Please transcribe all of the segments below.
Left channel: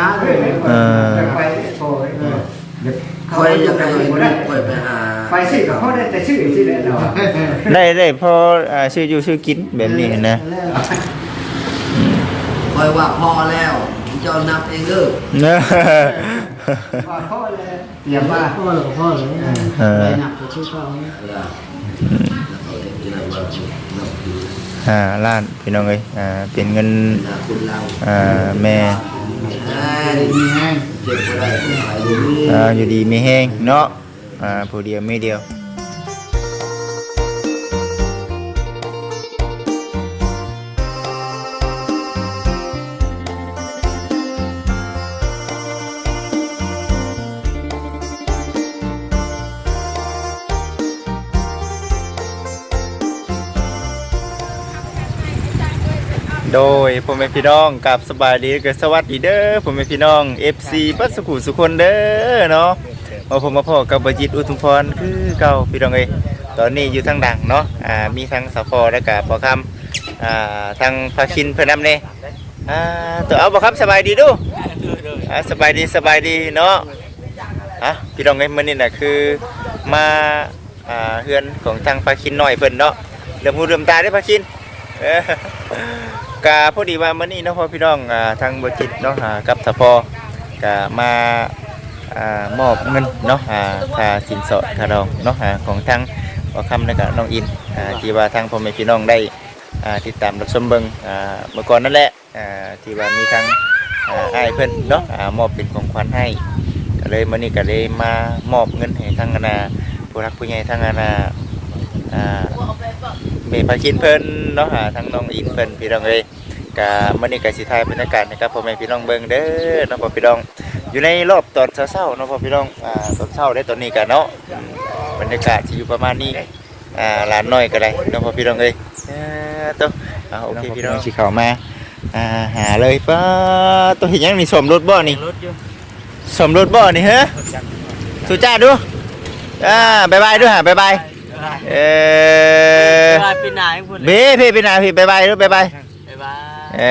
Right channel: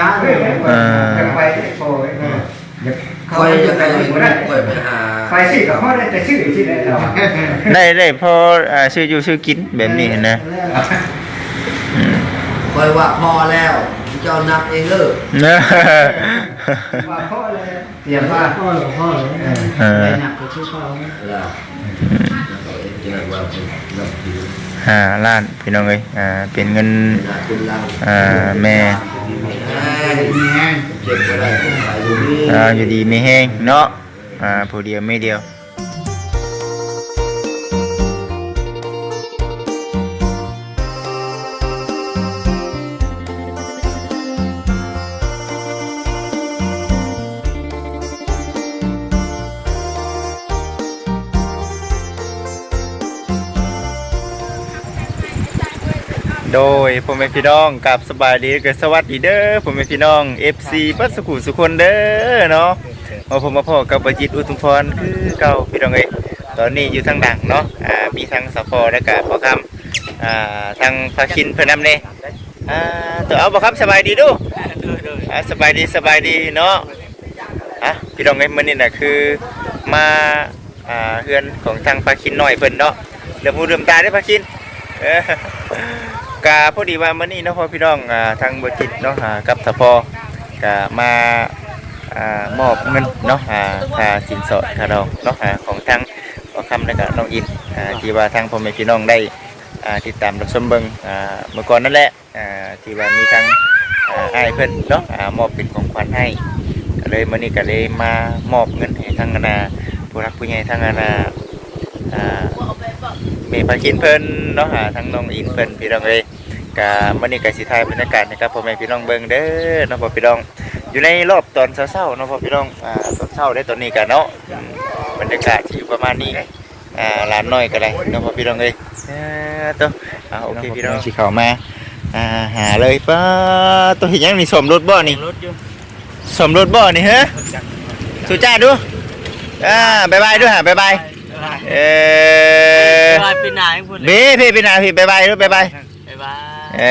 นะเออเออจะไปโอ้ยเดี๋ยวคอยจะไปบ่ได้คอยไปหาไปสิก็พอได้แต่ชื่อที่ได้เนาะได้ได้พออ่าชื่ออยู่ชื่อกินแบบนี้นะอืมคอยว่าพอแล้วเจ้านับเองเด้อเนอะว่าพ่อเลยเตรียมว่าพ่อหรอพ่อหรอเออหนักกว่าชื่อเขาแล้วเขาจะได้ว่านับถือ ห้าล้านพี่น้องเอ้ยอ่าเป็นเงินหน้าเราอ่าแม่อ่าอยู่ดีไม่แห้งเนาะอ่าผู้เดียวไม่เดียว โดยผมเป็นพี่น้องกับสบายดีกับสวัสดีเด้อผมเป็นพี่น้อง FC ปัสกุสุคนเด้อเนาะมาผมมาพ่อกับบจิตอุทุมพรคือเก่าพี่น้องเอ้ตอนนี้อยู่ทางดังเนาะอ่ามีทั้งสพและก็บ่คำอ่าทางพาคินเพิ่นนำเน่อ่าตัวเอาบ่ครับสบายดีดูอ่าสบายดีสบายดีเนาะอะพี่น้องเอ้มื้อนี้น่ะคือมาอ่าเฮือนของทางพาคินหน้อยเพิ่นเนาะเริ่มหูเริ่มตาได้พาคิน กาพอดีว่ามื่อนี้นะพ่อพี่น้องทางบริษัทเนาะหากับทพอกามามอบเงินเนาะหาค่าสินสอดค่าดองเนาะหาของทางขอคำและก็น้องอินที่ว่าทางพ่อแม่พี่น้องได้ติดตามรับชมเบิงอ่าเมื่อก่อนนั่นแหละที่ว่ามีทางอ่าอ้เพิ่อนเนาะมอบเป็นของขวัญให้ก็เลยมื่อนี้ก็เลยมามอบเงินให้ทางอาณาผู้รักผู้ใหญ่ทางอาณาอ่า มีพาคินเพิ่นเนาะหาทั้งน้องอินเพิ่นพี่น้องเลยกะมื้อนี้ก็สิถ่ายบรรยากาศนะครับพ่อแม่พี่น้องเบิ่งเด้อเนาะพ่อพี่น้อง อยู่ในรอบตอนเช้าๆเนาะพ่อพี่น้องอ่าตอนเช้าได้ตอนนี้กันเนาะอืมบรรยากาศสิอยู่ประมาณนี้อ่าหลานน้อยก็ได้เนาะพ่อพี่น้องเอ้ยเออตัวอ่าโอเคพี่น้องสิเข้ามาอ่าหาเลยป้าตัวเห็นยังมีสมรถบ่นี่รถอยู่สมรถบ่นี่ฮะสุจ้าดูอ่าบ๊ายบายด้วยฮะบ๊ายบาย เออกลายเป็นนายพูดเลยเบ้พี่พี่นาพี่บายบายด้วยบายบายบ๊ายบายเอ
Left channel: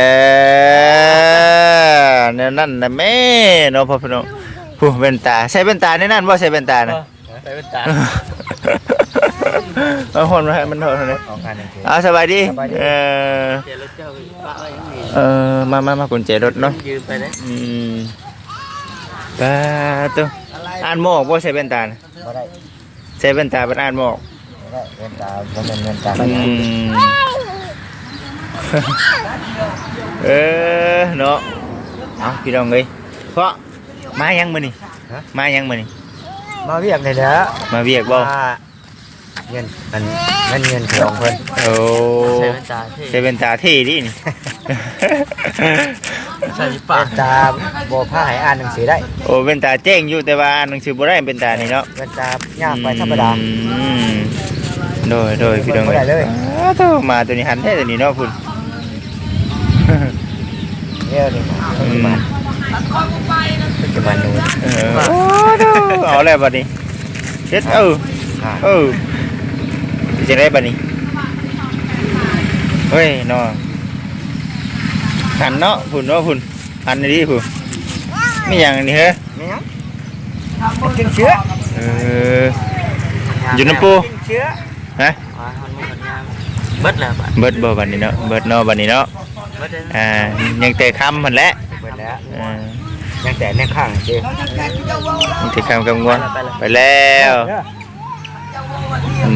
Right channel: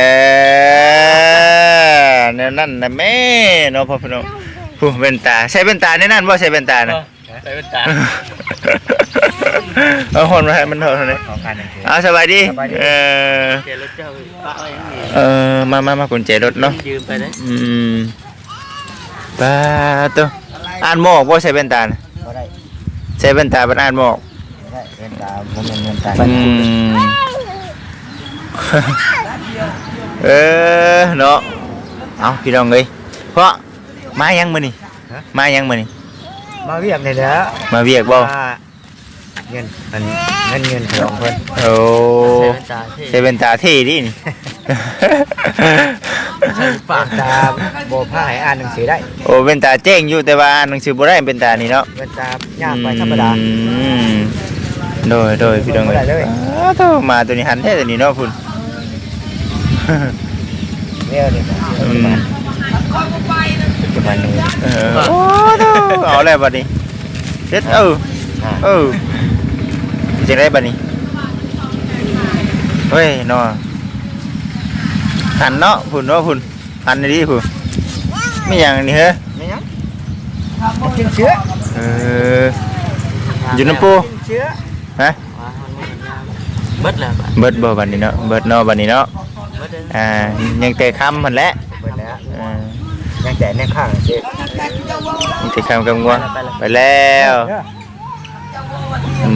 อเนี่ยนั่นนะแม่เนาะพ่อพี่น้องผู้เป็นตาใช้เป็นตาในนั่นว่าใช้เป็นตานะไปเป็นตาเอาคนมาให้มันเถอะเลยเอาสบายดีเออเจรถเจ้าเออมามามากุญแจรถเนาะยืมไปเลยอืมตาตัวอ่านหมอกว่าใช้เป็นตานะบ่ได้ใช้เป็นตาเป็นอ่านหมอกบ่ ได้เงินตาบ่แม่นเงินตาอืมเออเนาะเอาพี่น้องเลยเพราะมายังมือนี่มายังมือนี่มาเวียกนี่แหละมาเวียกบ่เงินมันเงินเงินของเพิ่นโอ้ตาที่เซเป็นตาที่ดินี่ ใส่ปากตาบ่พาให้อ่านหนังสือได้โอ้เป็นตาแจ้งอยู่แต่ว่าอ่านหนังสือบ่ได้เป็นตานี่เนาะเงินตาย่างไปธรรมดา อืม โดยโดยพี่น้องบ่ได้เลยอ้าวโธ่มาตัวนี้หันแท้ตัวนี้เนาะคุณเร็วนี่ปัจจุบันปัจจุบันนู้นเออโอ้โธ่เอาแล้วบัดนี้เด็ดเออเออสิจะได้บัดนี้เฮ้ยเนาะหันเนาะพุ่นเนาะพุ่นหันดีพุ่นไม่อย่างนี้เหรอไม่ยังมันกินเชื้อเอออยู่น้ำปู กินเชื้อ ฮะ อ๋อมันมันงาม เบิดแล้วบัดเบิดบ่บัดนี้เนาะเบิดเนาะบัดนี้เนาะเบิดเลยอ่ายังแต่คำมันแหละเบิดแล้วอ่ายังแต่ในข้างเจ๊ยังแต่คำกำงวงไปแล้วอื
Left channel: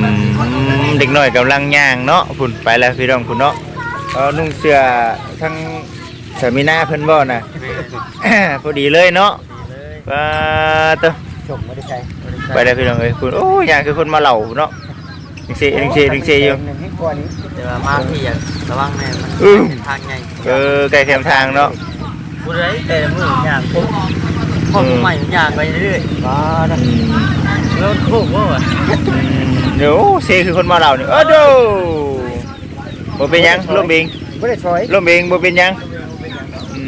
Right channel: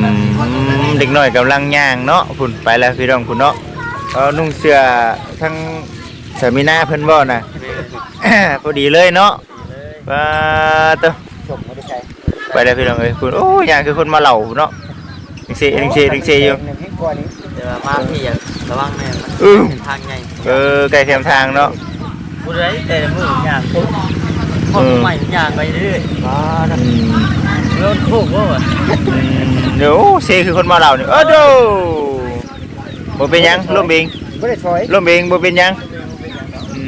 มเด็กน้อยกำลังย่างเนาะพุ่นไปแล้วพี่น้องพุ่นเนาะเออนุ่งเสื้อทั้งเสื้อมีหน้าเพิ่นบ่น่ะพอดีเลยเนาะปาตัวจบไม่ได้ใช้ไปแล้วพี่น้องเอ้ยพุ่นโอ้ย่างคือคนมาเหล่าเนาะ ดิงเซดิงเซดิงเซอยู่ หนึ่งที่กว่านี้เดี๋ยวมาพี่อย่าระวังแน่อืม ทางใหญ่เออไกลเทียมทางเนาะผู้ใดแต่ละมืออย่างปุ๊บพ่อผู้ใหม่อย่างไปเรื่อยมาแล้วอืมรถโค้งว่าเดี๋ยวเซคือคนมาเหล่านี่ยเออโดบ่เป็นหยังร่มเองไม่ได้ซอยร่มเองบ่เป็นหยังอืม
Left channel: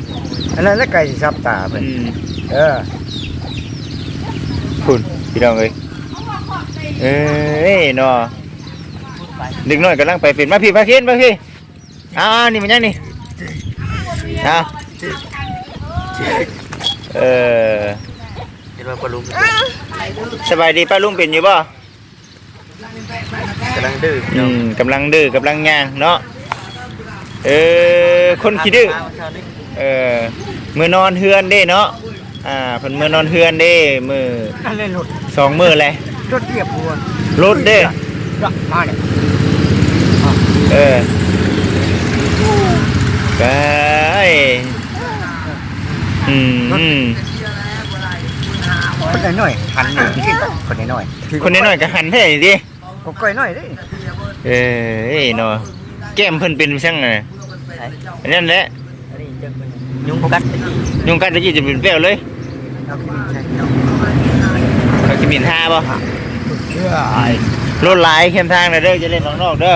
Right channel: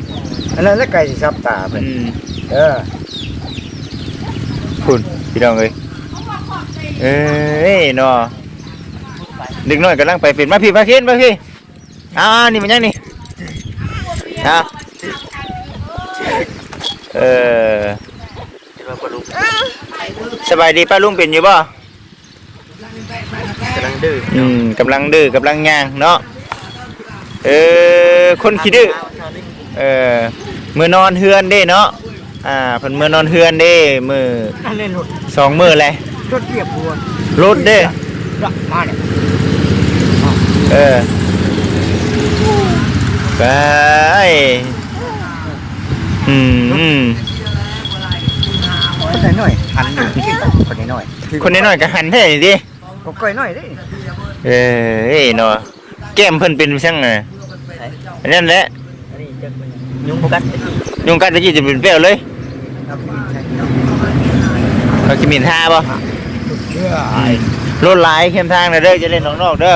อันนั้นแล้วไก่สิซับตาเป็นอืมเออพุ่นพี่น้องเอ้ยเอ้ยเนาะ เด็กน้อยกำลังไปเป็นมาพี่มาขึ้นมาพี่อ้าวนี่มันยังนี่อ้าวเออคิดว่าปลาลูกสบายดีป้าลุงเป็นอยู่บ่กำลังดื้ออืมกำลังดื้อกำลังย่างเนาะเออคนขี้ดื้อเออมือนอนเฮือนเด้เนาะอ่าเพิ่นมือนอนเฮือนเด้มือนั่นเล่นรถสองมือเลยรถเรียบพวนรถเด้รถมาเนี่ย เออได้อืมอืมคนน้อยๆหันนี่คนน้อยคนน้อยๆก็หันแท้นี่ดิๆก็ก้อยน้อยเด้เออเอ้ยเนาะแก้มเพิ่นเป็นช่างไงอันนั่นแหละอันนี้จะเป็นยุงกัดยุงกัดตะกี้จะเป็นเปรี้ยวเลยเอาไปใช้เราจะมีท่าป่ะเชื่อไอ้รถหลายเข้มทางนะเด้อจะเล่นนอกๆเด้อ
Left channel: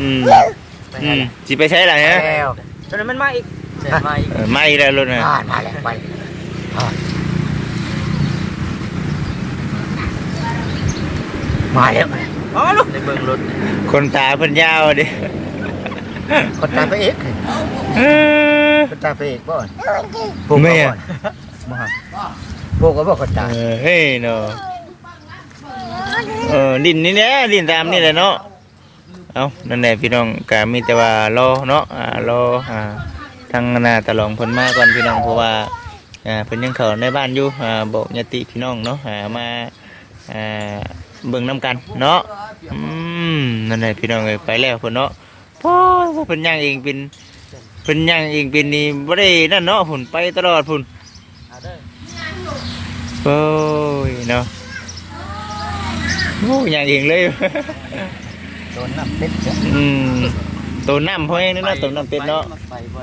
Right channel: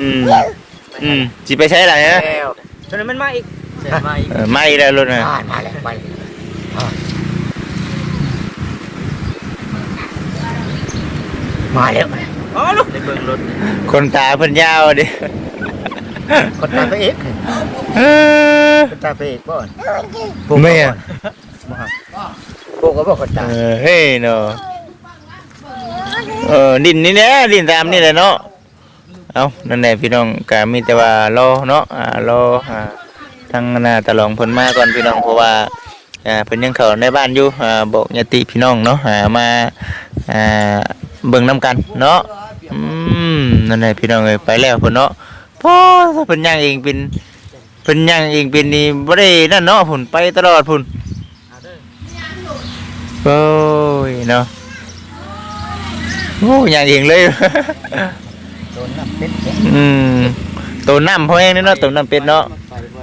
อืมอืมสิไปใช้อะไรฮะแล้วเป็นมันมาอีกมาอีกเออไม่แล้วรถน่ะอ่ามาแล้วไปอ่ามาแล้วอ๋อลูกเบิ่งรถคนตาเพิ่นยาวดิคนตาไปเอกเออคนตาไปเอกบ่อนไม่อะบ่ฮะพวกก็บ่คนตาเออเฮ้ยเนาะ เออดินนี่แหละดินตามนี่แหละเนาะเอานั่นแหละพี่น้องก็มีแต่ว่ารอเนาะอ่ารออ่าทางหน้าตะลองเพิ่นมาก่อนพี่น้องเพราะว่าอ่าเพิ่นยังเข้าในบ้านอยู่อ่าบอกญาติพี่น้องเนาะอ่ามาอ่าเบิ่งนํกันเนาะอืมนั่นแหละพี่น้องเอ้ยไปแล้วเพิ่นเนาะพอเพิ่นย่างเองเป็นเพิ่นย่างเองเป็นนี่บ่ได้นั่นเนาะพุ่นไปตลอดพุ่นโอ้ยเนาะ โอ้ยอย่างเองเลย โดนน้ำเป็ดเนี่ยอืมตัวน้ำพ่อเองเนาะตัวน้ำเป็ดเนาะ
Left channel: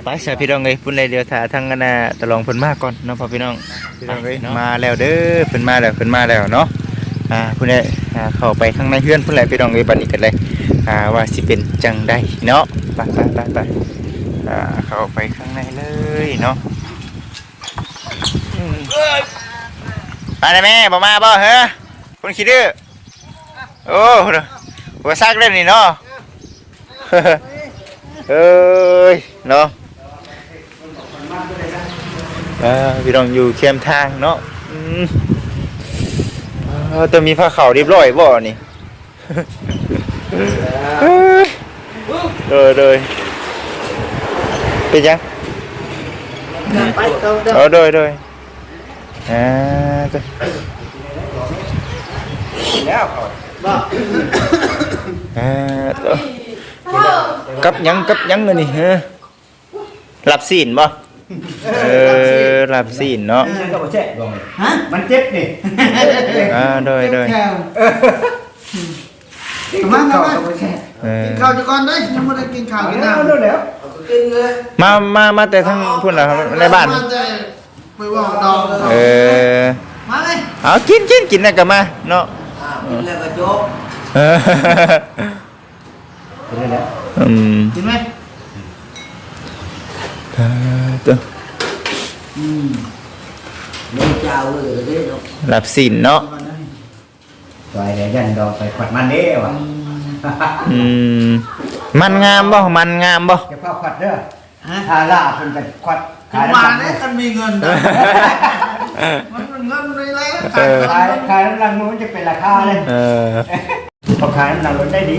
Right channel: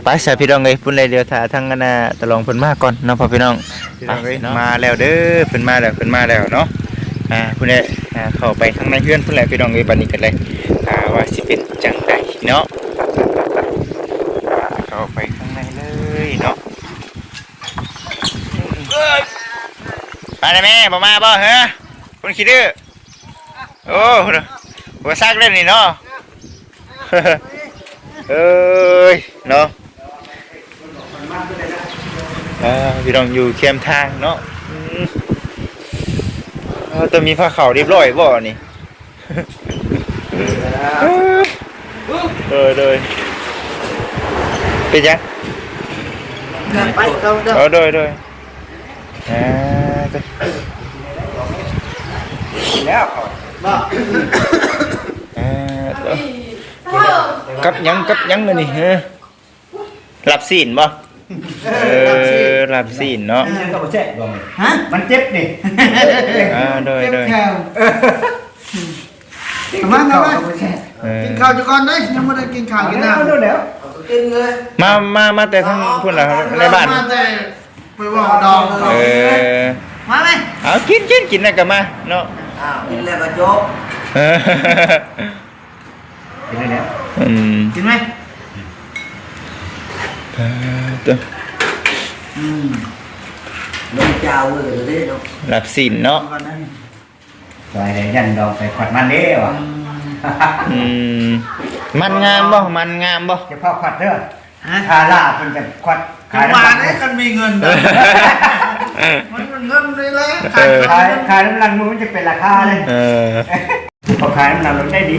ไปสายพี่น้องเลยพุ่นเลยเดียวถ่าทางกันนะตะลองเพิ่นมาก่อนเนาะพ่อพี่น้องพี่น้องเอ้ยมาแล้วเด้อเพิ่นมาแล้วเพิ่นมาแล้วเนาะอ่าพุ่นเลยอ่าเข้าไปข้างในเพื่อนพุ่นเลยพี่น้องเอ้ยบัดนี้กันเลยอ่าว่าสิเป็นจังไดเนาะไปไปไปไปอ่าเข้าไปข้างในเลยเนาะอืมมาได้แม่บ่มาบ่ฮะคนขี้ดื้อ โอ้หัวซักเล่นนี่เนาะเอ้ยเนาะเออพี่น้องอยู่เข้มทางเนาะอืมเออจะมีผ้าขาวเรียบร้อยบ่นี่เออเลยเป็นยังไปเขาเด้อเออเลยเลยอ่าจ้ะแล้ว เออเด้อกับหยังกับหยังเลยนี่ฮะหลับศีลบ่เออหลับศีลเนาะฮะมันเจ็บนี่อ่าโดยโดยมามามาเออกินข้าวจะก่อนได้ยังไม่ได้กินข้าวกินน้ำแล้วมามามาแต่ทั้งพุ่นเหรอครับในบ้านมาแต่ไปว่าดองเออมาไหมเอากินกินกินนะกับมาเนาะ กินแล้วก็จบเออกินเลยเนี่ยอืมกินไหมอ่าตัวอืมไม่เจ้าเลยก็ได้เนาะหลับสินเนาะก่อนนะไว้เลยยันดอกใส่ขวดมันเด้ว่ะอืมมันงามบ่ มันงามบ่จะเข้าขวดเด้อฮะทาล่าเพิ่นจะขวดกินหวานได้กันมีเงินนะ มันมันเงินเลยแหละเออขายขายน้ำรังมือมันจะเป็นราคาเลยเออพอขายน้ำรังลดได้ดี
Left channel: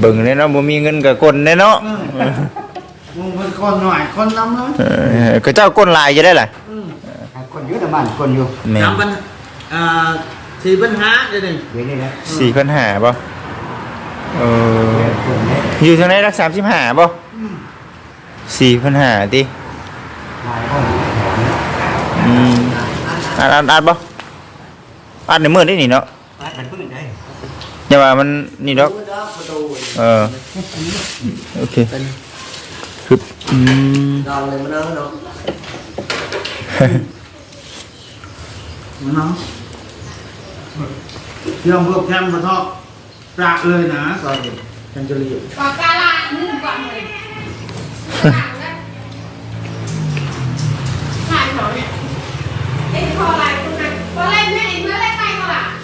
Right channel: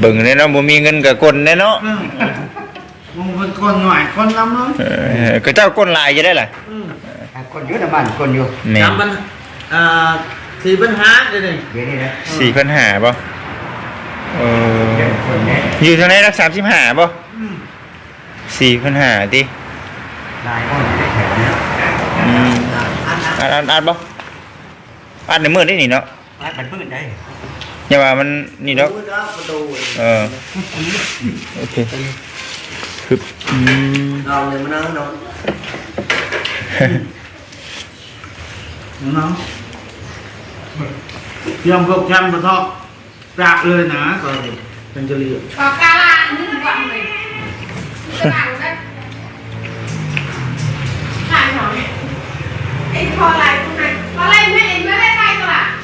เบิ่งเนี่ยเนาะบ่มีเงินกับคนเนี่ยเนาะอืมมึงเป็นคนหน่อยคนน้ำน้อยเออก็เจ้าก้นลายจะได้ล่ะอืมคนเยอะแต่มันคนอยู่แม่จำปัญอ่าสี่ปัญหาเดี๋ยวนี้เดี๋ยวนี้นะสี่พันหาบ่เออเดี๋ยวคนเนี้ยอยู่ทางไหนรักสามสิบห้าบ่อืมสี่พันหาตินายห้องไม่แถวเนาะ อืม อ่านอ่านอ่านบ่อ่านในมือได้นี่เนาะมันพื้นได้อย่าว่ามันนี่ดอกเออโอเคคืออืมลองเลยมานั่งเนาะเนาะยอมพวกแคมป์มาทอกปรากเลยนะตอนนี้จังจะเรียนปากกาลานึ่งกว่าเลย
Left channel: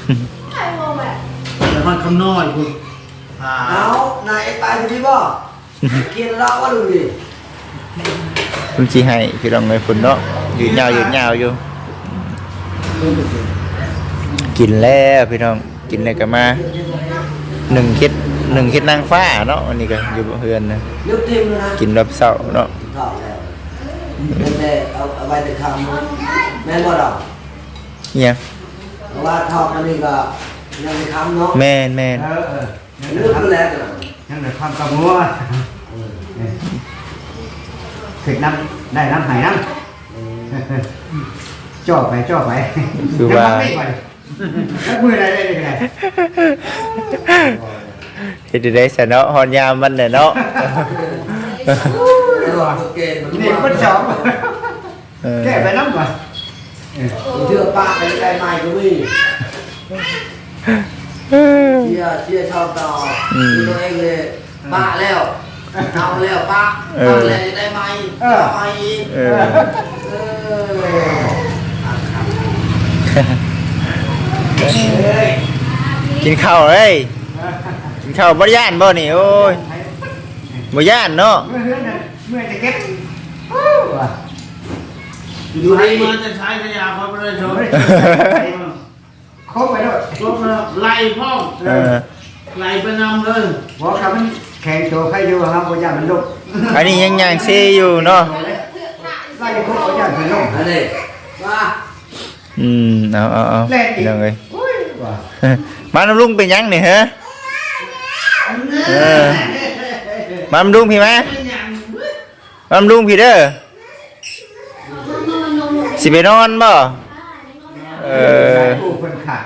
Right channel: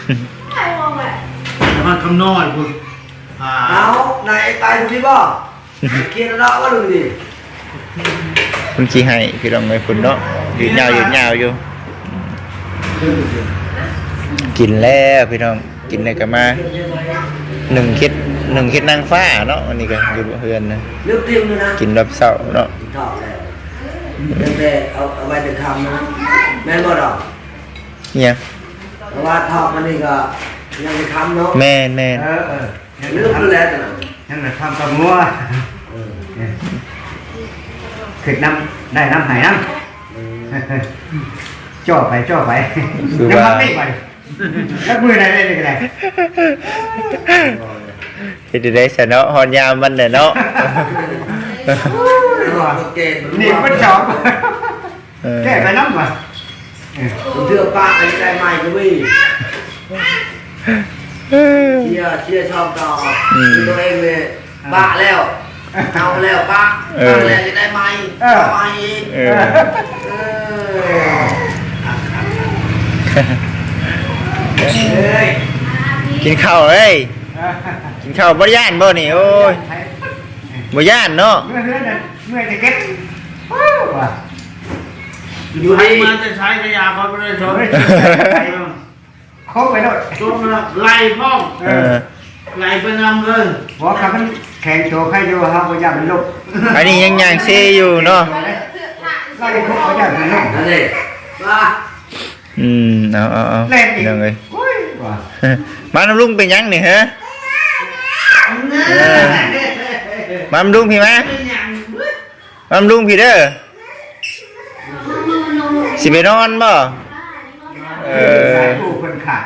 ก็ล่ะไม่งงเลยแต่มันคำน้อยคุณอ่าเอานายตายดูที่บ่เกียร์เราว่าดูดิคุณสิให้พี่น้องไอ้พุ่นเนาะยืนยาวยืนยาวอยู่ กินแล้วพี่น้องกินแล้วก็มาหนึ่งคิดหนึ่งคิดนางฟ้าเนาะอันนี้ก็อยู่เฮือนนะเลือกเต็มเลยนะกินรับเช้าเนาะถอดแล้วตั้งแต่เอาเอาไว้แต่คำนะแม่บ่ดอกเนี่ย เพราะว่าทอดมันนี่ก็ยังไม่คำเนาะแม่นแม่นเออเออเลือกดูแลตัวนั้นยังแต่ความกระมัวขึ้นน้ำได้น้ำหายน้ำจ่อไปจ่อไปคือว่าน้ำไม่ไปแล้วมือไหนได้เลยไงเฮ็ดได้ซะเนาะฮอนยามมันน่ะเนาะเกณฑ์มันนี่เป็นสองเออแค่ไปน้ำก่อน ผมเชื่อป้าอันนี้ได้ใหม่ก็มีเชียร์เชียร์ชอบต่อคือตัวเองเลยป้าแล้วเอาแล้วป้าเอาแล้วจะได้ใหม่เอาใหม่อีกเออเอออะครับเฮ้ยกินข้าวเอ้ยกินข้าวบ่ย่านบ่นี่โอ้ยบ่ย่านเนาะเมื่อเฮือนน่ะเมื่อจะเก็บว้าวว่ะ อยู่ให้มาจะใช้ขยะเขาไปเลยชนครบไปด้วยชนแล้วไล่พ่องเออไล่ไปงำเลยบอกคำมันแข่งโชว์ใครอยู่ครับว่าอย่ามันลุกอันนี้ยังย่างเซอยู่เนาะไล่ทุกคนอย่ามันลุกอันนี้มาอืมเอาเอาเอาเล่นอีกพี่น้องเอ้ยอุ้ยว่ะมาน้ำลุงเป็นหยังนี่ฮะเออมาน้ำลุงพี่มามาน้ำลุงพี่เด้อ สิไปนอนบ่เออผู้คนขาด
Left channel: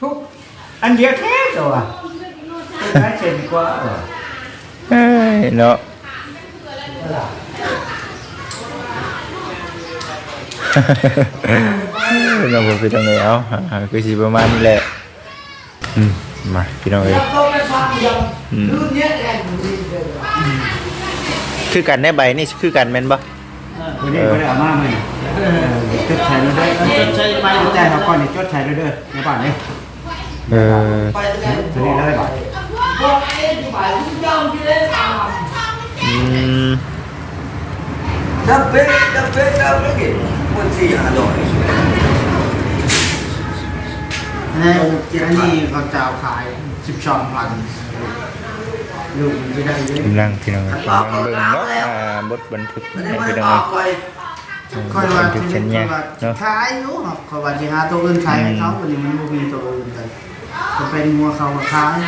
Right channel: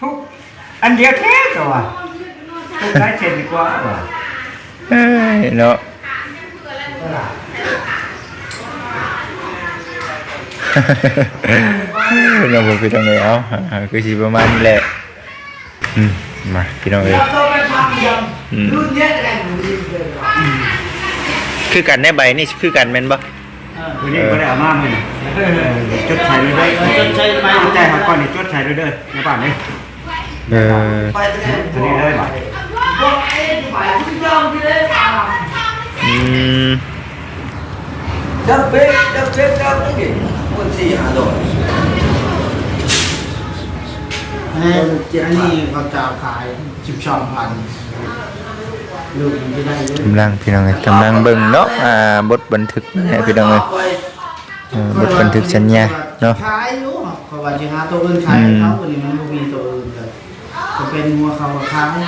ทุกอันเดียวแค่ตัวว่ะเป็นไรเช่นกว่าว่ะเอ้ยเนาะน้องผมพี่น้องเอ้ยเอาอ่าคือสิประมาณนี้แหละอืมมาพี่น้องเอ้ยอืมคือกันในใบนี่คือกันแม่นบ่ วันนี้ก็ได้เอามาไหมจดใส่ด้วยเด้อจดใช้ไปจดใจเขาก่อนนี่จดใส่ด้วยเด้อในบ้านนี่เออตัวนี้เลยบ่ะอืมดับเบิ้ลดับเบิ้ลดับเบิ้ลกี่มันสี่ห้าดอกให้อันนี้เขาจะเอาขายสิบสองพันลู กมันจะได้เยอะกำลังพี่น้องเอ้ยกำลังเบิ่งเนาะอ่าบทบันทึกนะพี่น้องเอ้ยเออบทบันทึกสัญญาเนาะขายอยู่ครับเขาว่าจะหาตัวอื่นขายให้เขาวันนี้มันบ่มีตัวอื่นเลยจะเป็นงัวเขาก็ขาย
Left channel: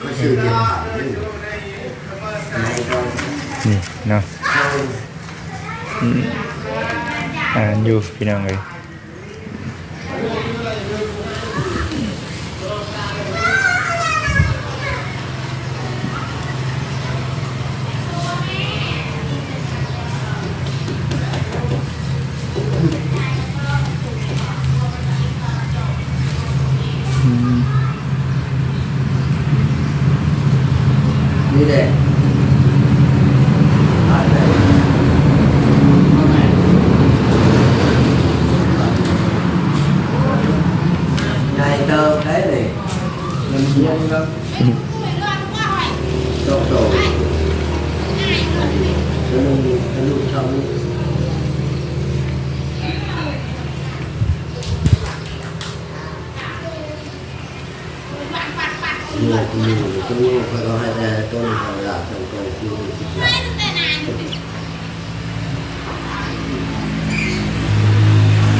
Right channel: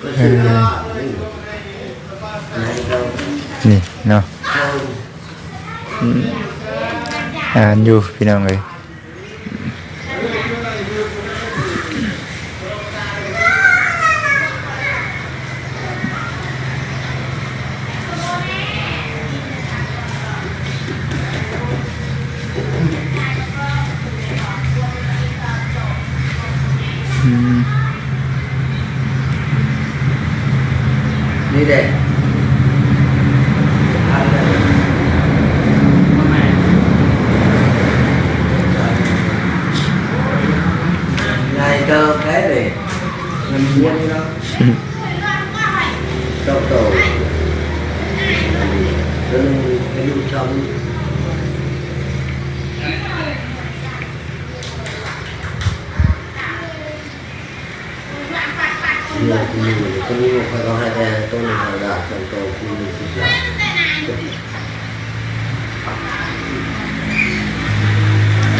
ก็สี่ห้านี่เนาะอืมอ่านอยู่พี่น้องเลย nhiều thì nhiều có nhiều phải có hai hai tôn là là trong cầu khi mình xịt lại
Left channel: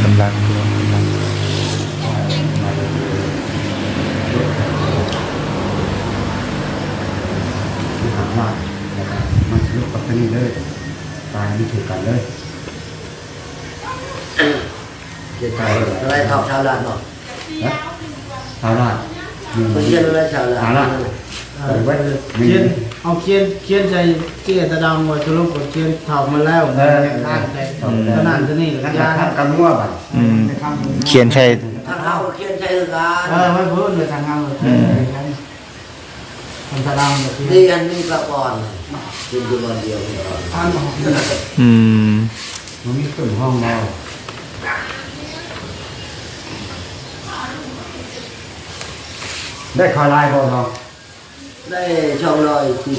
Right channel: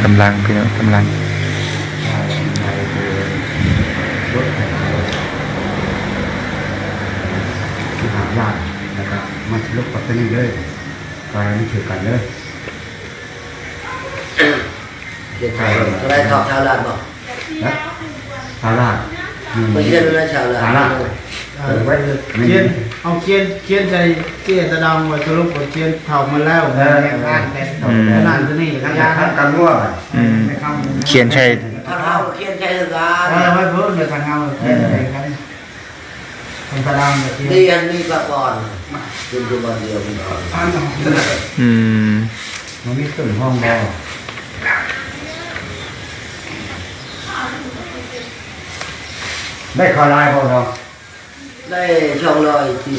กำลังพี่น้องกำลังหายากนะครับมันลุกปัตตานีเลยไปมันถือกันเลย để thảo cái này thảo sao làm không นะเอาล่ะ mình dân nó sao เอาล่ะ làm เออเขียนเอาเขียนเขียนใจเจี๊ยตะดำไว้ทุลุกกดเขียนเท่ามาแล้วแม่ข้างแต่ขนาดนี้แหละทั้งยาทั้งกันมั่วอืมเขียนใช่ถ้าเขาเขียนใช้กันเออไว้เพิ่นไปทางเอาเขียนใจกันทางตะดำเขียนเรียนนี่ก็ก่อนกินตัววันเดียวกันก่อนอืมมันมีเครื่องห้องเรา ได้คอลายบ่เนาะได้ช่องลอยที่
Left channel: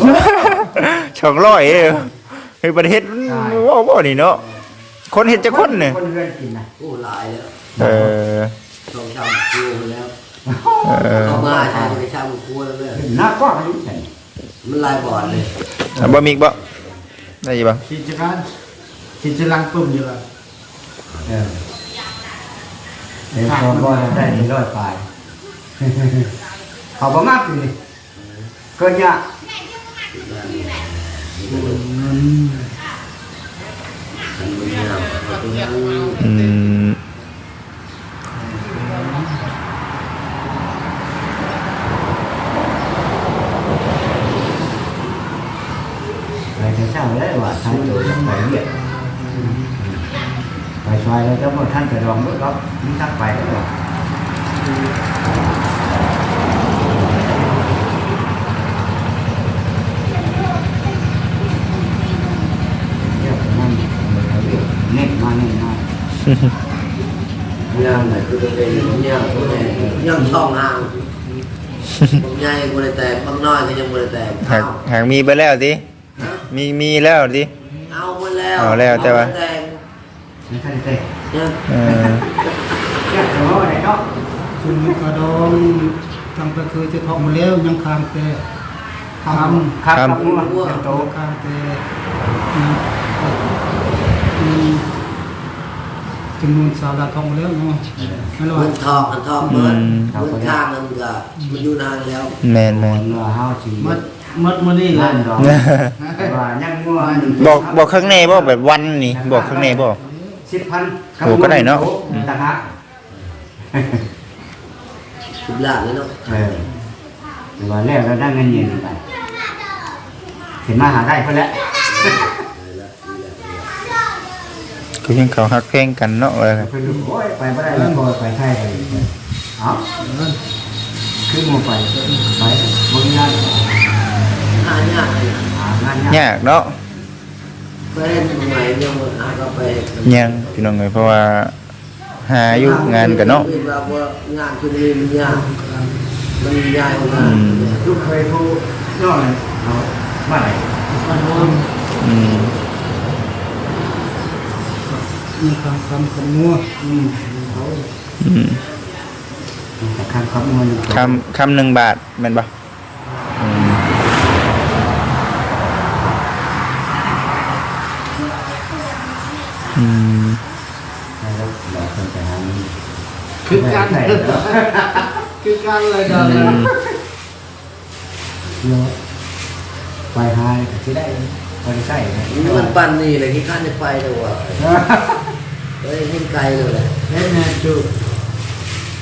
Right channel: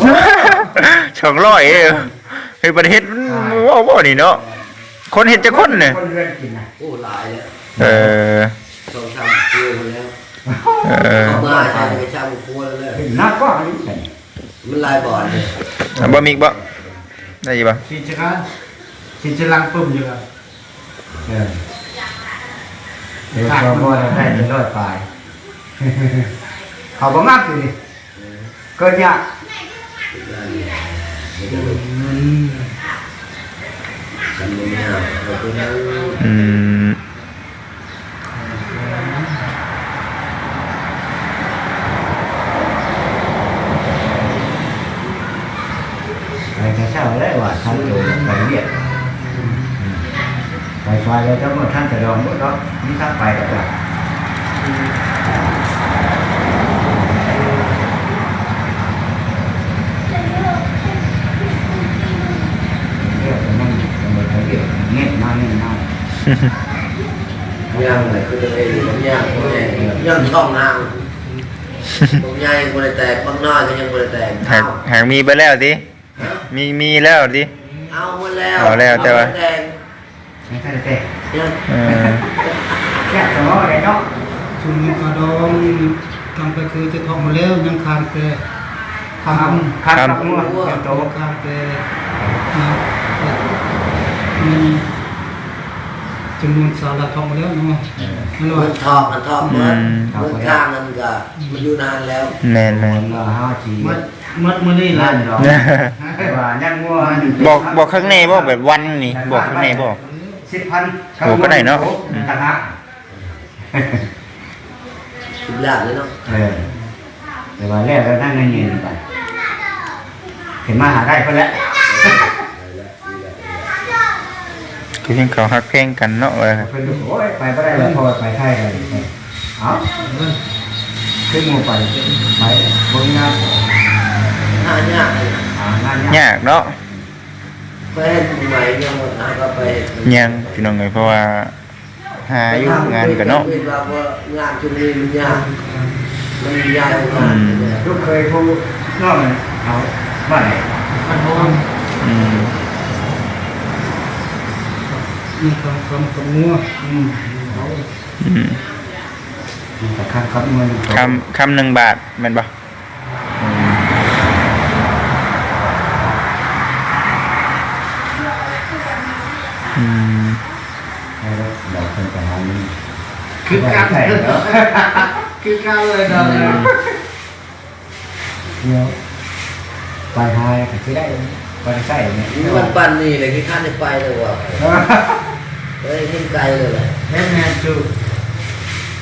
ช่องร้อยเอ้ยเฮ้ยประเทศมันว่าบ่นี่เนาะคนเห็นจะคนเนี่ยคนเรือนกินนะโอ้หลายแล้วเออสองสามครัวแล้วเออมาใช่ไปช่างครัวเลยหน้ากว้างนี่ใช่มันลายบ่อนเลยเอาบ่มีอีกบ่ได้อีกบ่ขีดจะกันขีดจะลังปุ่มอยู่กันเออเดี๋ยวก็บ่ได้เป็นร้อยปลาย เขาบ่มากอยู่นี่เกินยากกันมึงเนี่ยเราไปนั่งอืมไปแต่เช้าแล้วว่าท่านอยู่ไปเรียกไปซอยแล้วเจ้าบ่ท่านจะรองบ่เนาะนี่ทั้งไปแล้วว่าเรียกนั่นไปเรียกเน็ตมาเน็ตมา ย่างไหนคือตัวเองผมย่างตัวเองย่างช่องห่างผมใหญ่บริแตกบางน้อยก็ยังบริแตกหาเอากหากมีไปแล้วติมีมีแล้วติเอาหมดแล้วเอาแล้วแต่ว่าเอแตกไม่ใช่เต้เนี่ยเออแยกตัวได้เนาะชุมนี้กระดองทำไปคือจะทองมาแล้วยังคามเกคามครับครับงัวเจ้าโตโตคามเกนะมี จำนวนสาระทองมาแล้วเนาะนั่นแหละมัว่านทองมันทองเหมือนเหมือนข้างมันก็มันอยู่นานแล้วแม่นแม่นงัวห้าทีมัดมัดมือนี่แหละล้านดอกว่ายังงัวบอกบอกข้างในบ่แบบวันนี่บอกข้างในบ่สิบพันโอ้ก็ได้เนาะต่างหากสิบล้านเลยเนาะเออแต่ว่าแล้วเรานั่งเคือยังเขาฮักเพลงกันเนาะว่าเพิ่นดูโอ้ยไปบ่ได้แล้วพอไปไทยกันเอ้าขึ้นหมู่ไปไปบ่มีงานหายากเลยหางานยากยากเนาะไปเห็นใหม่ยังหมดหาก็ไปยังพี่น้องเอ้ยเพราะว่าหาอยู่งานกันเนาะว่าว่างานช่วงนี้มันยากมันยากกว่างานเนี่ยลูกเคยโทรน้องเอามาไหนมันวงอืม มีคำคำคำงัวอืมอืมแต่คำคำเงินคำคำหนึ่งบาทแม่นบ่อืมอืมแล้วเราเคยไปหาเงินคือการใช่แล้วคือการเลยเนาะเดี๋ยวไปหาก็สิได้ไปใช่เนี่ย มันปั่นนี่เลยที่ข้าในไปเลยว่ะ เฮ้ยยิ่งไกลเลยแหละเล่นแม่จู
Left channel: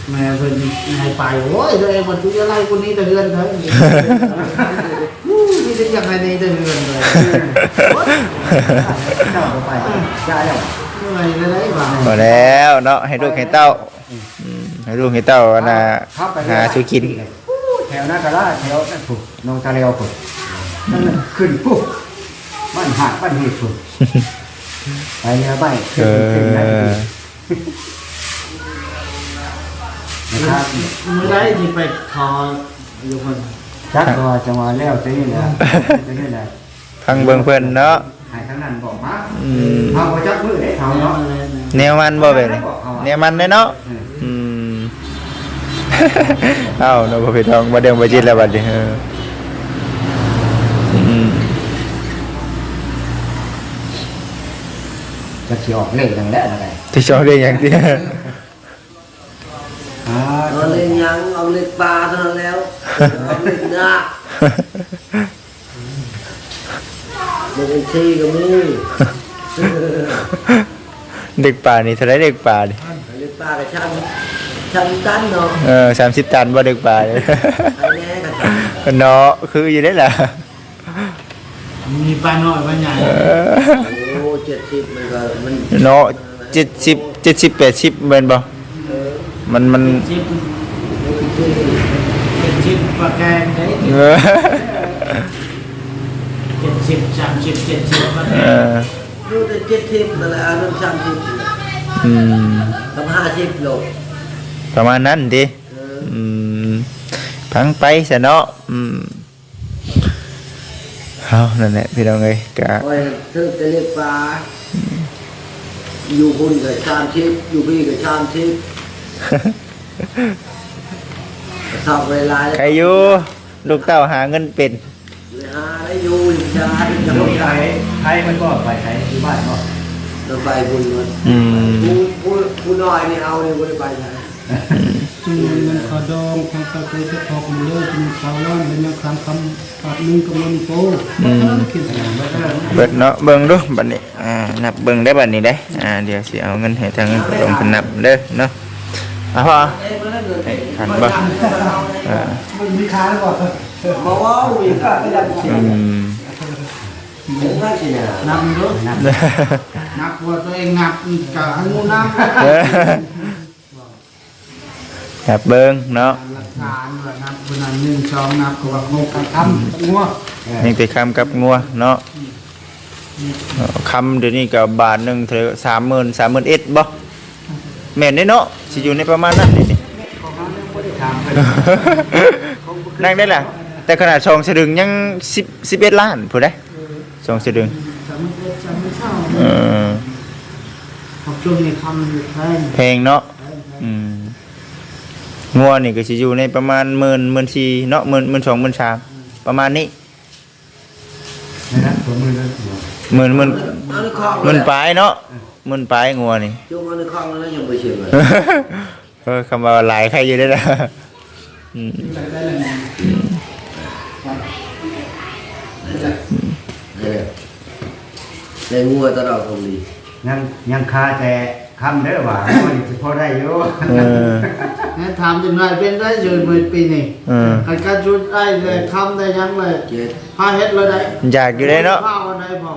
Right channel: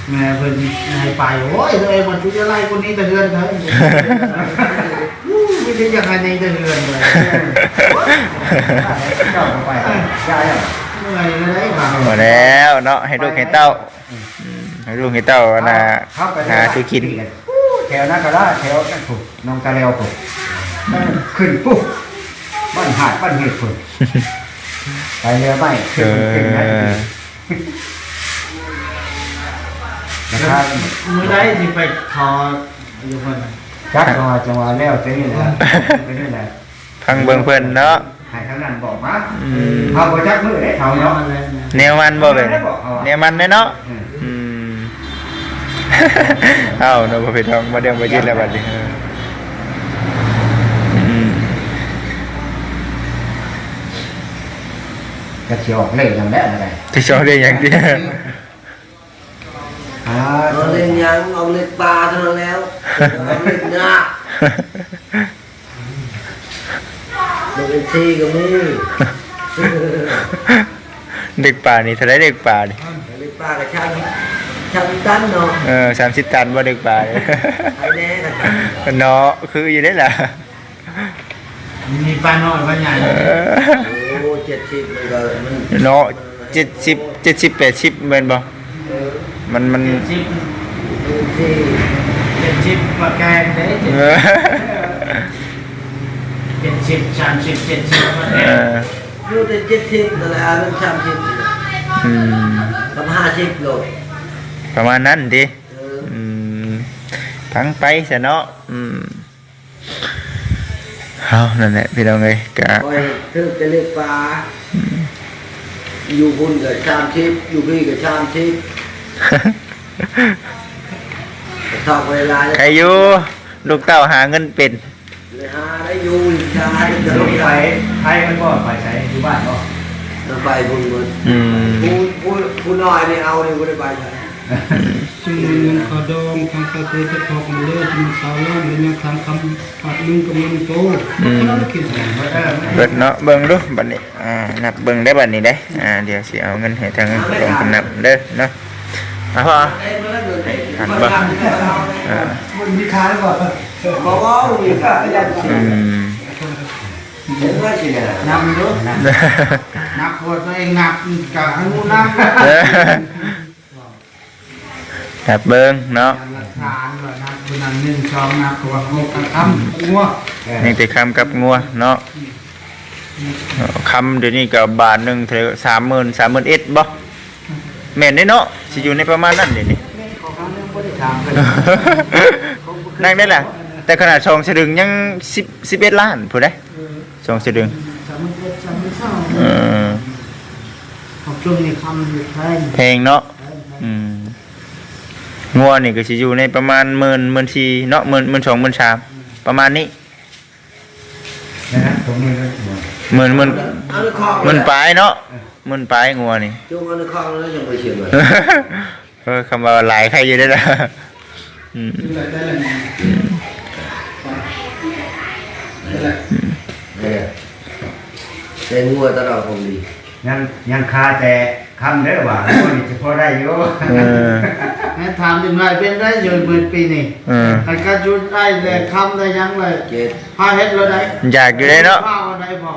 แม่เพิ่นให้ไปโอ้ยตัวเองมันชุดอะไรคนนี้ตะเฮือนเถอะไม่ได้ยังไงในตะเฮือนเลยเจ้าก็ไปใช่แล้วเมื่อยเลยได้บ้างพอแล้วเนาะให้ลูกให้เต้าอืมให้ลูกให้เต้าน่ะหาชูกินแถวนั้นก็ได้แถวนั่นถูกน้องตาเลียวถูกนั่นขึ้นปุ๊บบ้านหาดบ้านเห็ดถูก ไปเรือไม่เอขึ้นขึ้นได้อนะครับเมื่อได้ที่ไปทออยู่คนจักรวาจังหวะแล้วจะนี่แหละไปนี่แหละฟังเบิ่งเพิ่นเนาะหายทั้งนั้นบอกมาอืมเขาบอกจักมือได้เท่าเนาะเนาะอะไรนะแนวมันบ่เป็นแนวมันเด้เนาะอืมอืมเอ้าเนาะบ่ผิดทองมาเดิมบ่จิตแล้วบัดนี้เอออืม จะเขียวออกเลยอย่างแล้วอะไรที่ชอบเรียกอย่างเดียวอ่าเอาเล่นยังเอาเล่นปลาเท่านั้นแล้วเอาเล่นเนื้อเล่นไอ้ที่ก็มีเด็กป่านี่เท่าไรเด็กป่านี่เล่นปลากับช่างชาวตันเนาะเออ30ตันบ่ดึกปลาเลยใครแน่กันจ้ะเนาะคืออยู่ได้ล่ะ มีปลาน้อยปลาใหญ่ เออ โอ้เจ็ดสิบมันก็มันเนาะ70 70 80แม่นบ่มันมันชิปดูสิเป็นชิปปลาแกงเด้เออเป็นชิปสามชิปเจ็ดชิปปลาแกเองอดูแต่เจ็ดสิบนั่นแหละอันนั้นสามสิบนี่แหละอืมกับห้าสิบโลประมาณนั้นดิเอออืมพังไปซะเนาะอืม เอานั่นแหละพี่น้องเอ้ยกะคอยถือจะเรียกปลาอยู่คุณกับสามสิบอยู่พี่กับสามสิบชอบเวลาใครอยู่ลูกเต้าหาเงินเป็นเลยหาได้อยู่อีกชาติจะลูลกงไปไปไทยมันบ่ไปใช้อยู่บ้านบ่รถไฟบุญเหมือนอืมผู้ผู้ผู้น้อยนี่เอาเนี่ยไม่ได้ไปไหน ซึ่งเงินขอดองทางตะเกียจะทอกมันเลยเป็นสาวล้านเป็นยังคำคำปากนึงกับมันโตก็ต้องคิดแหละว่าเออเบิดเนาะเบิ่งดูบัดนี้อ่านับเบิ่งได้บัดนี้ได้อ่าเดี๋ยวสิเอาเงินให้ทางตรงเพิ่นนับเด้อเนาะเอาพ่อให้ทันบ่อ่ามันมีค้างก่อนบอกว่าอีกอะยังเสียอืมเห็นไหมสิเนี่ยนับดูนับตัวตัวเองนับกับอันนู้นนับ เออนับเบิ่งเนาะหลักฐานด้วยนับคนนั้นหนึ่งสองนับกับว่าโคกับคำงัวนี่แต่คำกับงัวเนาะเอาคำเดี๋ยวนี้ก็บาทหนึงเท่าสามหมื่นสามหมื่นเอ็ดบ่แม่นเด้เนาะสิอยู่ในประมาณนั้นนี่นี่นั่งได้ล่ะ แต่ขนาดชองสะดึงยังสิบสิบเอ็ดล้านผู้ได้ชองสะดึงสามเอ็ดสามเศร้าเออขอบจุ่มในคำอยู่แทนเพลงเนาะอืม งัวนี่ก็สิอยู่ในประมาณหมื่นหมื่นทีเนาะหมื่นหมื่นสองหมื่นสามประมาณนี้นะนะผมมีรถบ่หมื่นหมื่นเอาในคลองหมื่นปลายเนาะหมื่นปลายงัวนี่ จุ่มเอาในคลองแล้วยังไปเชียงเลยเออคำว่าหลายใครอยู่ได้ละอืมเนี่ยแต่งัวตลอดผมดียังยังคาแต่ คำเด้อว่าโอ้ยสิพอได้อยู่เออแม่ถามจนไรเป็นได้อยู่หมื่นปีนี่เออใครก็จุดได้เลยคำได้ยังเลยเจ็ดพาเฮ็ดเลยได้อยากอยู่ได้เนาะ ข้าวได้พอ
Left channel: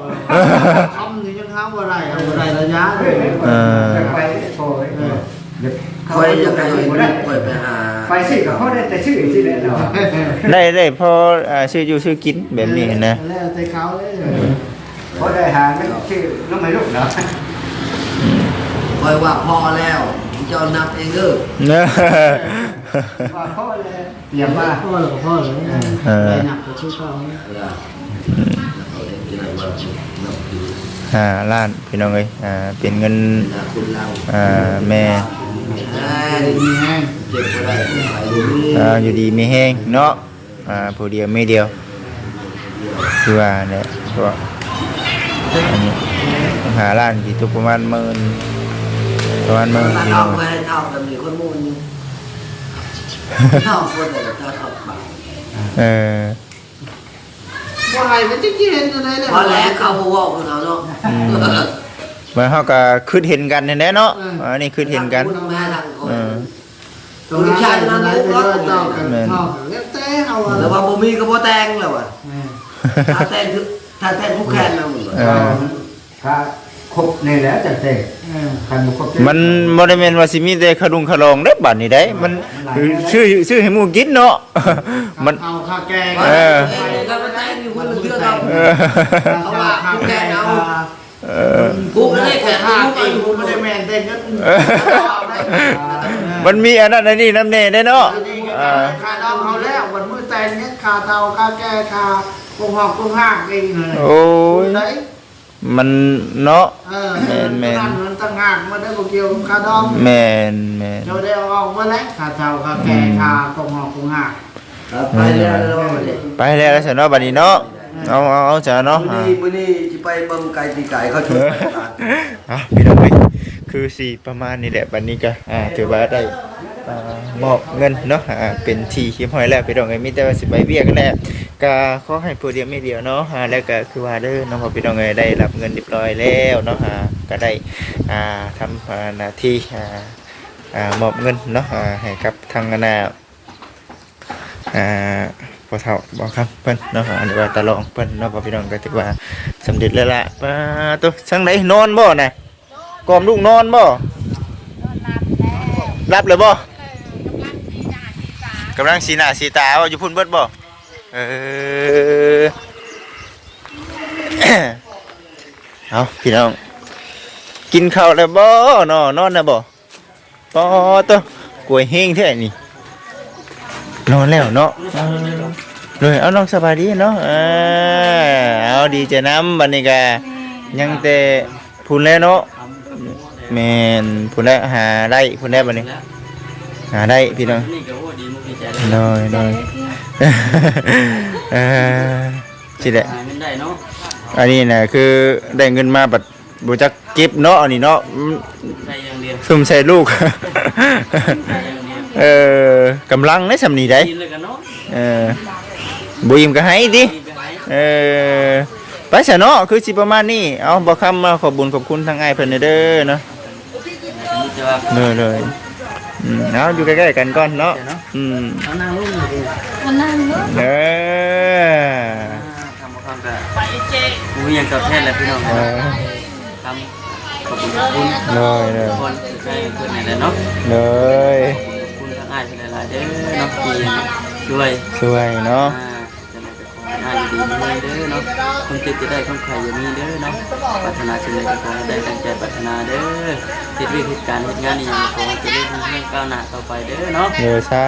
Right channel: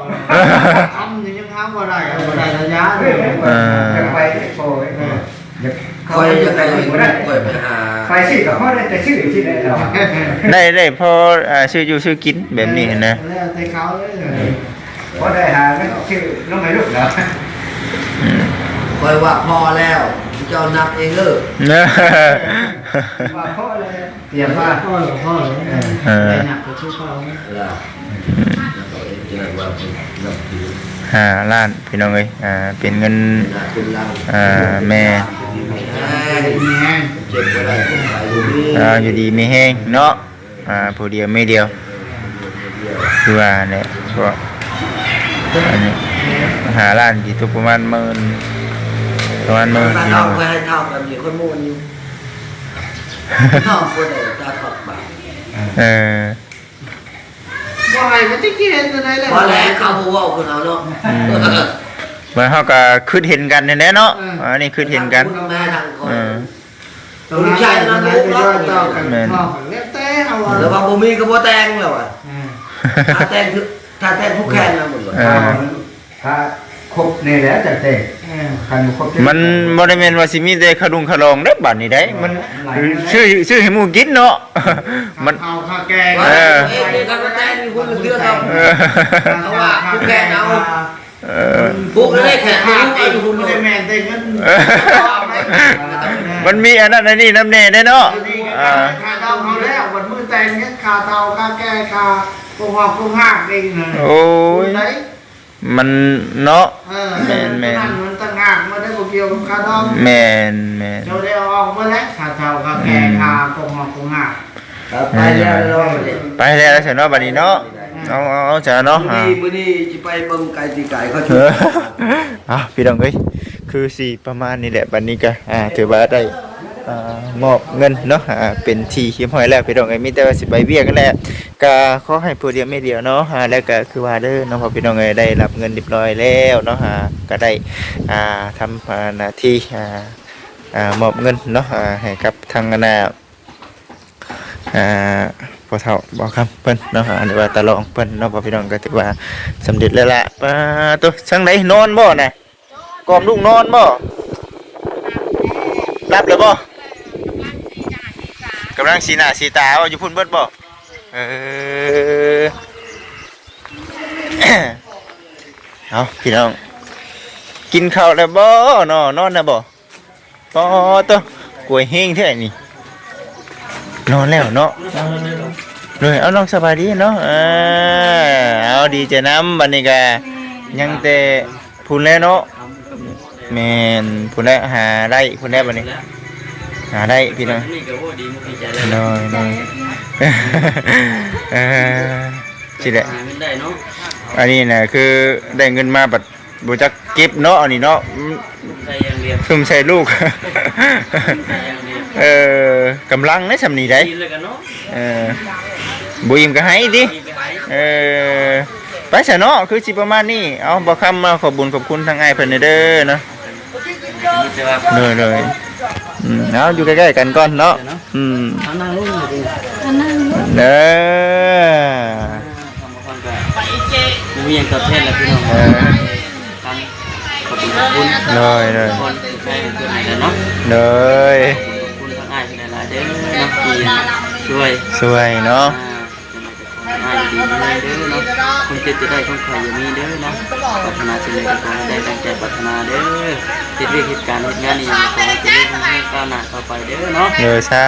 คำนี่ยังทำว่าได้เอาบ่ได้ระยะเลยเออ จะไปโอ้ยเดี๋ยวคอยจะไปบ่ได้คอยไปหาไปสิก็พอได้แต่ชื่อสิได้เนาะได้ได้พออ่าชื่ออยู่ชื่อกินแบบนี้นะแล้วแต่เขาเลยพอได้หาก็ชื่อน้องไม่ลูกเนาะ อืม คอยว่าพอแล้วเจ้านับเองเด้อเนอะว่าพ่อเลยเตรียมมาพ่อหรอพ่อหรอเออไปหนักกว่าชุดเขาแล้วเขาเองจะว่านับถือห้าล้านพี่น้องเอ้ยอ่าเป็นเงินหาคุณเราอ่าแม่แม่มีแห้งเจ็บก็ได้ขายอยู่นี่อ่าอยู่ดีไม่แห้งเนาะอ่าผู้เดียวไม่เดียวคือว่าเนี่ยก็อันนี้ห้าล้านที่ตกประมาณหมื่น ประมาณหมื่นพี่น้องทำเอ้ไว้ยให้ทำแบบนี้คนมูนอยู่ทำคนไหนจะถอดบาทเออว่าไงมันจะกินอะไรเลยพอแล้วเขาหัวคุณเอาเนาะมันเฮาก็คิดเห็นกันแน่ๆเนาะอันนี้คิดเห็นกันแม่ทางคนเออตรงนั้นใช่ตรงนั้นไปด้วยต่อกันต่อกันแล้วแต่เอาแล้วว่าบ่มีก็บ่แต่งแล้วอะอืมถ้าแต่งคือถ้าแต่งผู้แข่งแล้วหมดเลยเออถ้า ครบนี่แหล้วแต่เตะอืมคันบ่ครบมันบ่ได้แม่นว่าสิมีแต่ขดุงขะลองเด้อบัดนี้ได้ มันชื่อชื่อให้หมู่กินเนาะมันเอาข้าแกงเออเองเนี่ยก็มาแต่งอยู่คนละเรื่องเอาเออเขาว่าผู้แข่งเอาเออผู้ไม่ได้แข่งข้าผู้เอไม่งได้คุผู้ณไม่ไม่ได้ได้แมนได้เงินมันมีอันนั้นอันนี้น้ำเน่ได้เนาะอ่าค่าดองเอาแล้ววันมือแต่งเนี้ยค่าเตาค่าแก้ค่าปงหอกปงหักเองเลยโอ้ยไหน มันเนาะเออนั่นมันต่างหากมาได้บ่เกี่ยวกับค่าดองแม่นแม่นเจ้าได้เอาออกมาแล้วค่าเตาค่าแก้ค่าปงหอกปงหักครับไปแล้วเนาะไปแล้วซะเนาะบัดนี้เนาะเอาเอาเอาซะเนาะมื้ออ่านี้มื้อนี้สิไปเบิ่งไก่ตีไก่เขาเอชุดออะพี่น้องเอ้ยคือสิประมาณนี้แหละบัดนี้ก็อ่าถือว่าได้อ่า มอบเงินเนาะเป็นทีเรียบร้อยแล้วพี่น้องเอ้มีแต่ว่าสิไปเวียกันแหละก็ขอให้ผู้เดียวไม่เดียวเนาะแล้วก็คือว่าเด้อนาะพอพี่น้องเอ้ยได้รับเงินเรียบร้อยแล้วเนาะก็ได้ทำหน้าที่อ่าอ่ามอบเงินเนาะให้กับทางคณะอ่าพอเฒ่าบอกครับเพิ่นเนาะอันนี้ว่าตะลองเพิ่นเนาะพ่อพี่น้องก็ถือว่าสำเร็จแล้วล่ะปตัวช่างไหนนอนบ่นะกอมลูกนอนบ่รับเลยบ่ กำลังสีหน้าสีตาว่าอยู่พุ่นเบิดบ่เออเอาพี่น้อง กินข้าวแล้วบ่นอนนอนนะบ่ปอตัวกล้วยเฮงแท้นี่นอนแล้วเนาะเอาเลยเอาน้องสบายดีเนาะเอาดีใจน้ำบัดนี้ก็ยังแต่พูนแล้วเนาะแมนพูนแล้วหาได้พูนแล้วบัดนี้ หาได้พี่น้องนี่ก็โอ้ดีมุกดีใจแล้วน้อยน้อยเออสิแหละหาเงินได้เนาะอันนี้นะคือได้เงินมาบัดบ่จักเก็บเนาะอันนี้เนาะอืมได้อย่างเดียวซุ่มใส่ลูกได้อย่างเดียวเออกำลังในสำนีได้กินเลยกันเนาะเออบ่อิ่มก็ให้ดิกินไปหายเออไปซะเนาะคือสิประมาณนี้เอาบ่คำมาขอบบุญขอบคุณทางอ้ายเพิ่นเด้อเนาะมีแต่ว่าเลยเลย อืมเอาอยู่ใกล้ๆกันก่อนเนาะอืมเอานั่งลงเลยดิอันนั้นเนอะเด้อทำมาความกันกูมีอย่างตอบแทนแล้วพี่น้องเออทำขอบคุณขอบคุณเลยเลยทุกคนที่ใช้เพื่อนไหนแล้วเนาะเลยขอบคุณทั้งอ้ายที่หลายๆเด้อเนาะที่ช่วยสวยเนาะ อ่า จะมาจะขอให้อ้ายอยู่ดีมีเด้อเนาะคงติดจะได้คงใครอย่ามีเด้อเนาะปรารถนาสิ่งใดก็ขอให้ได้ตั้งใจปรารถนาเด้อติดเรื่องเหตุการณ์เหตุงานนี้ยังขอให้เจริญรุ่งเรืองก้าวหน้าต่อไปเด้อเนาะเลยซา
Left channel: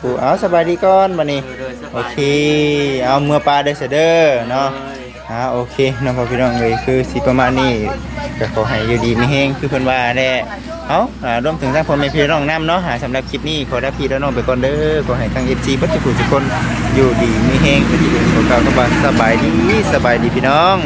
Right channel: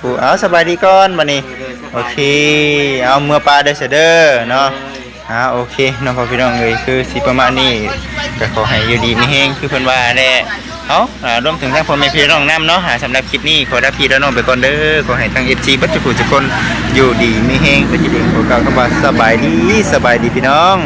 ธุเอาสบายดีก่อนบัดนี้โอเค เอาเมื่อปลาได้เสยเด้อเนาะอ่าโอเคน้องพ่อพี่น้องเลยคือสิประมาณนี้ก็ขอให้อยู่ดีไม่แห้งคือเพิ่นว่าแน่เอาอ่ารวมถึงทางพ่อแม่พี่น้องนํเนาะหาสำหรับคลิปนี้ขอรับพี่และน้องไปก่อนเด้อขอให้ทาง FC บัดจุกุทุกคน อยู่ดีไม่แห้งเป็นจิตเองขอกล่าวคำว่าสบายดีสบายดีพี่น้อง